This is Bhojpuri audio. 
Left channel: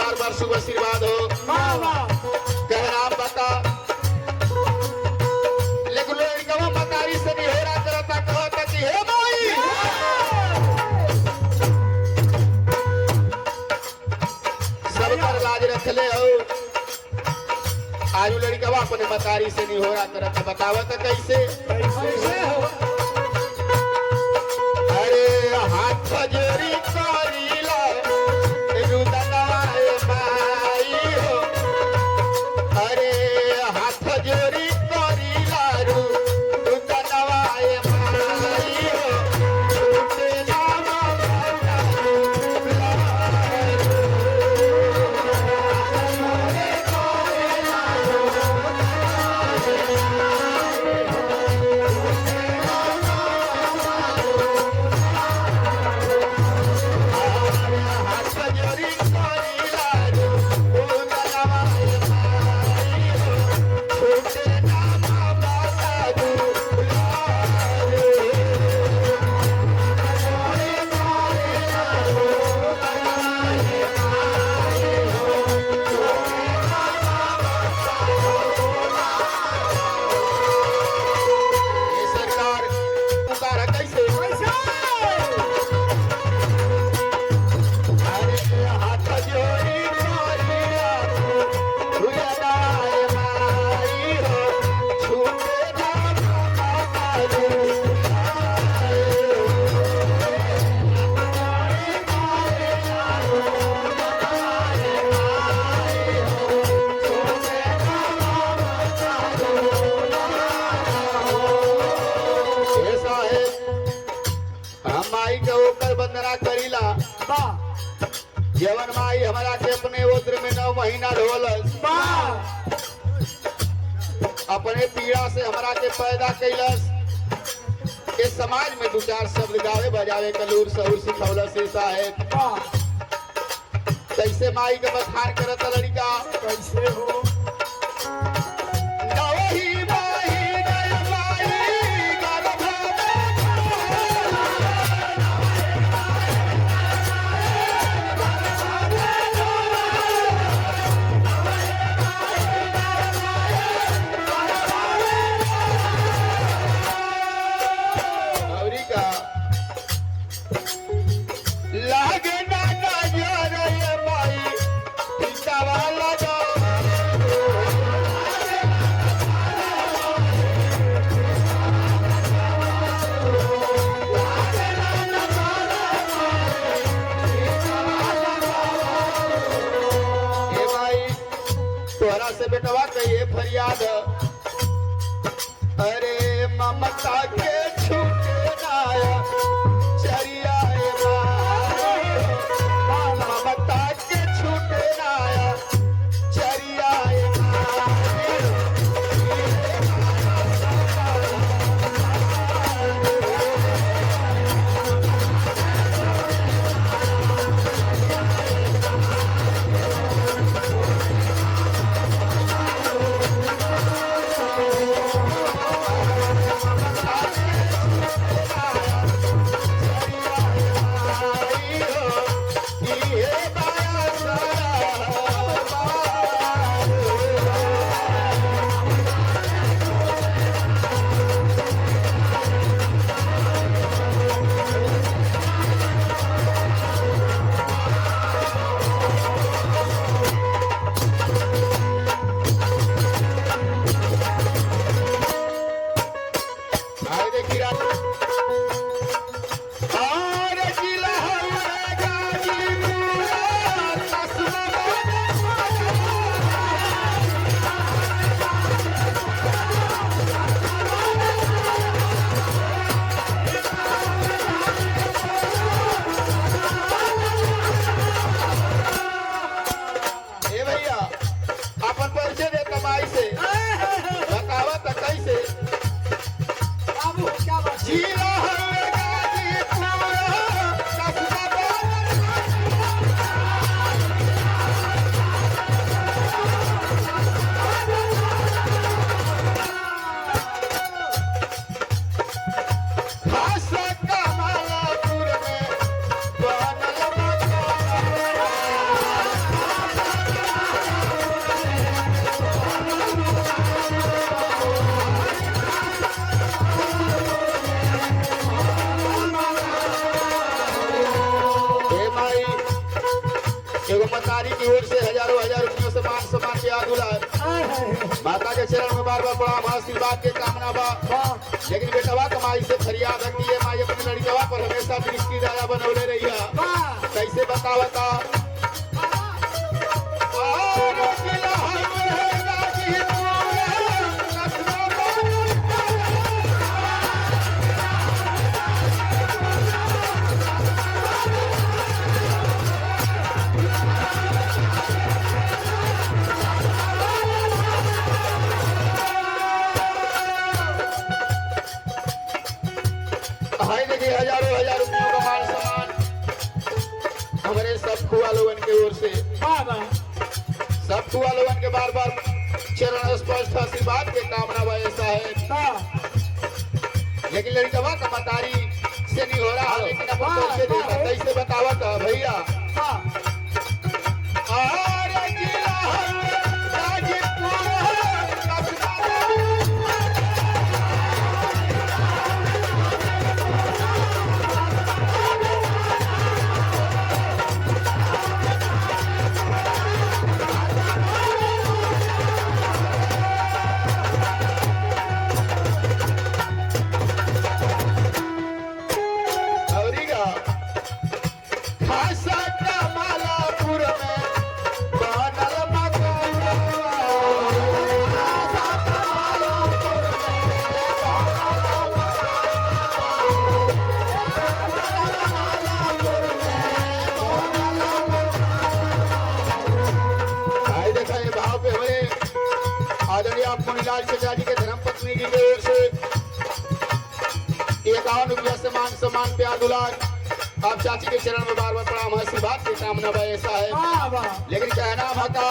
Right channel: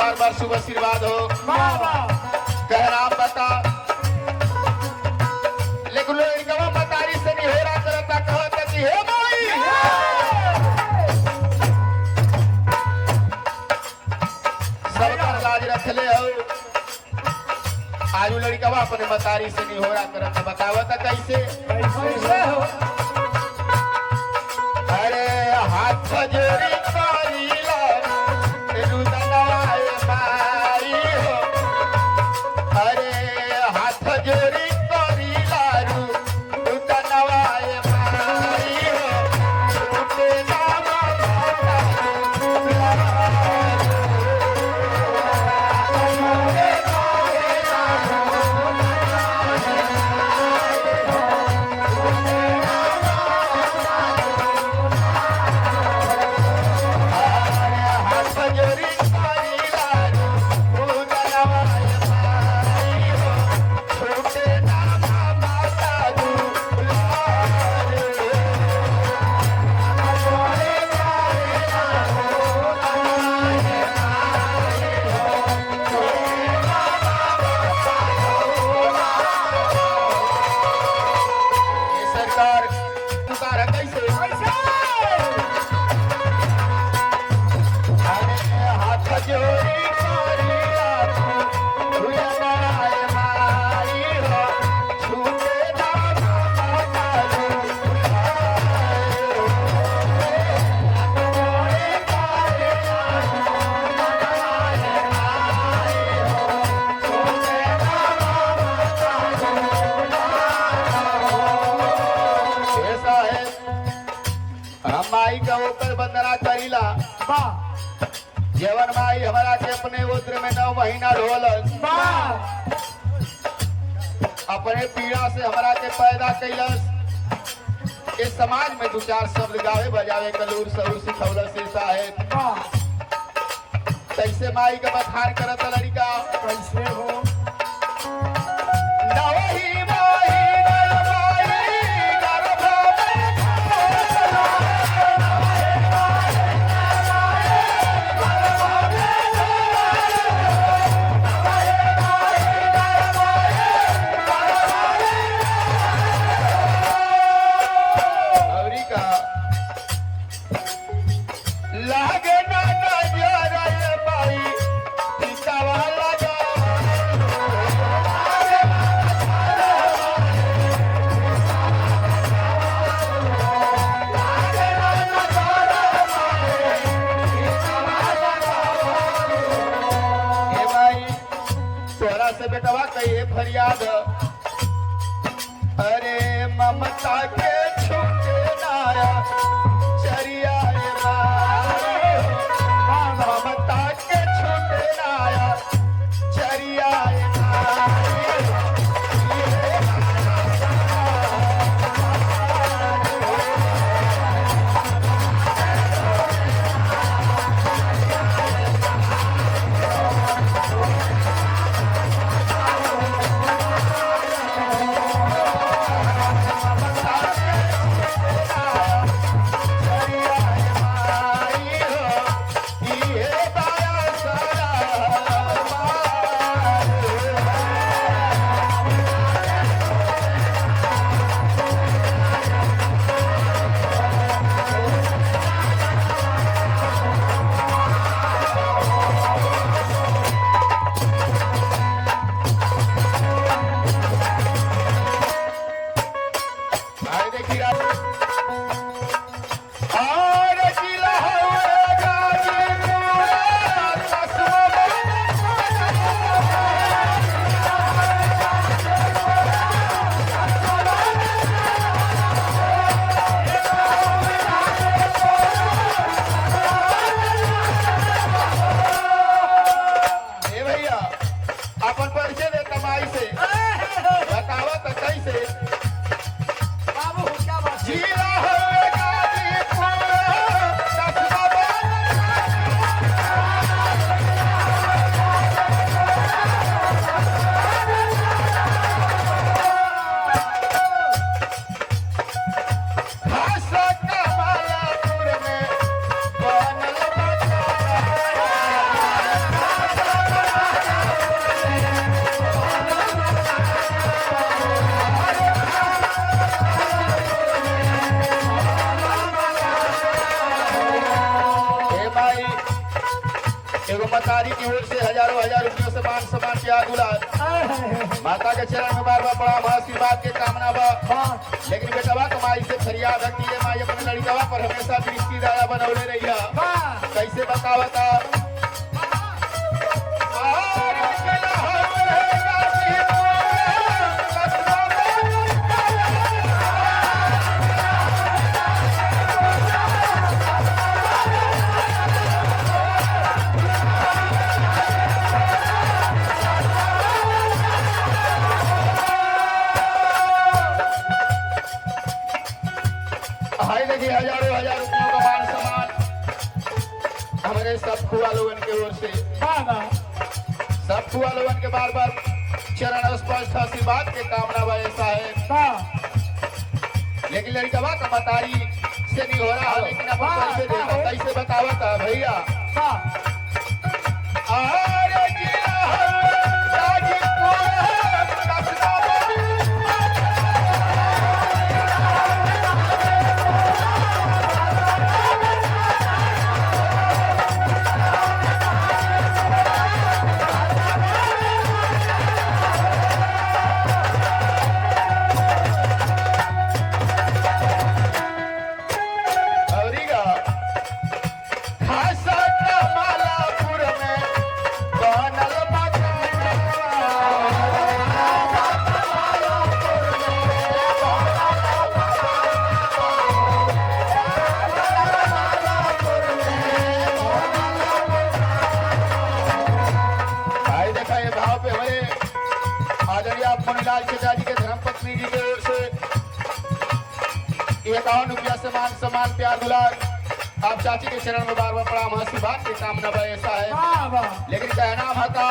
बार बार शुभ आशीर्वाद हो। कह राम बता लेकिन लड़कवा बताई से निहोरा करता कहता कि हे माई सब कर लाज रखले हो। आयु लड़कवा अपने मतारी से निहोरा करता बतावता कैसे अरे हाथ जोड़ी करीला रुदनाए माई हो। अरे हाथ जोड़ी करीला रुदनाए माई हो। टूटे नाम माई का होकर बंदना करीला जवन माई हमारा के अपने उद्र में 9 महीना रोलस अपने पीड़ा से हमारा के पैदा कैलस। इस समाज में 2-4 शब्द गावे बजावे कलूर सहूर सिखौलस साहेब। कैसे माई का बखान करता लड़का कैसे हो से बेटवा कहिए फरियाद अरे ममता के छूटे नाया चरिया ममता के छूटे नाया चरिया की ओर से हजारों हजार रुपयों से मान सम्मान के दुलार माता के चरण में बार बार प्रणाम आशीर्वाद के कामना बा। लेकिन बेटवा कमाई से फरियाद रखती है माई अपने लड़कवा पर हमेशा दृष्टि दया बनौले रही है। कैसे बतावता हजारों हजार रुपयों का मान सम्मान हमारे सब खुआ लोगन के ओर से सब खुआ लोगन के बार बार चरण स्पर्श आशीर्वाद के कामना बा। ऐसा है लेकिन लड़कवा का मतारी से नहीं हो रहा, लेकिन अपन कैसे देखा कैसे बतावत है भैया। लाल चचा जी के धर्मपत्नी जी की ओर से 51 रुपया से मान सम्मान प्यार दुलार आप चाची के चरण में बार बार प्रणाम आशीर्वाद की कामना बा। ऐसा है लेकिन कहना भाता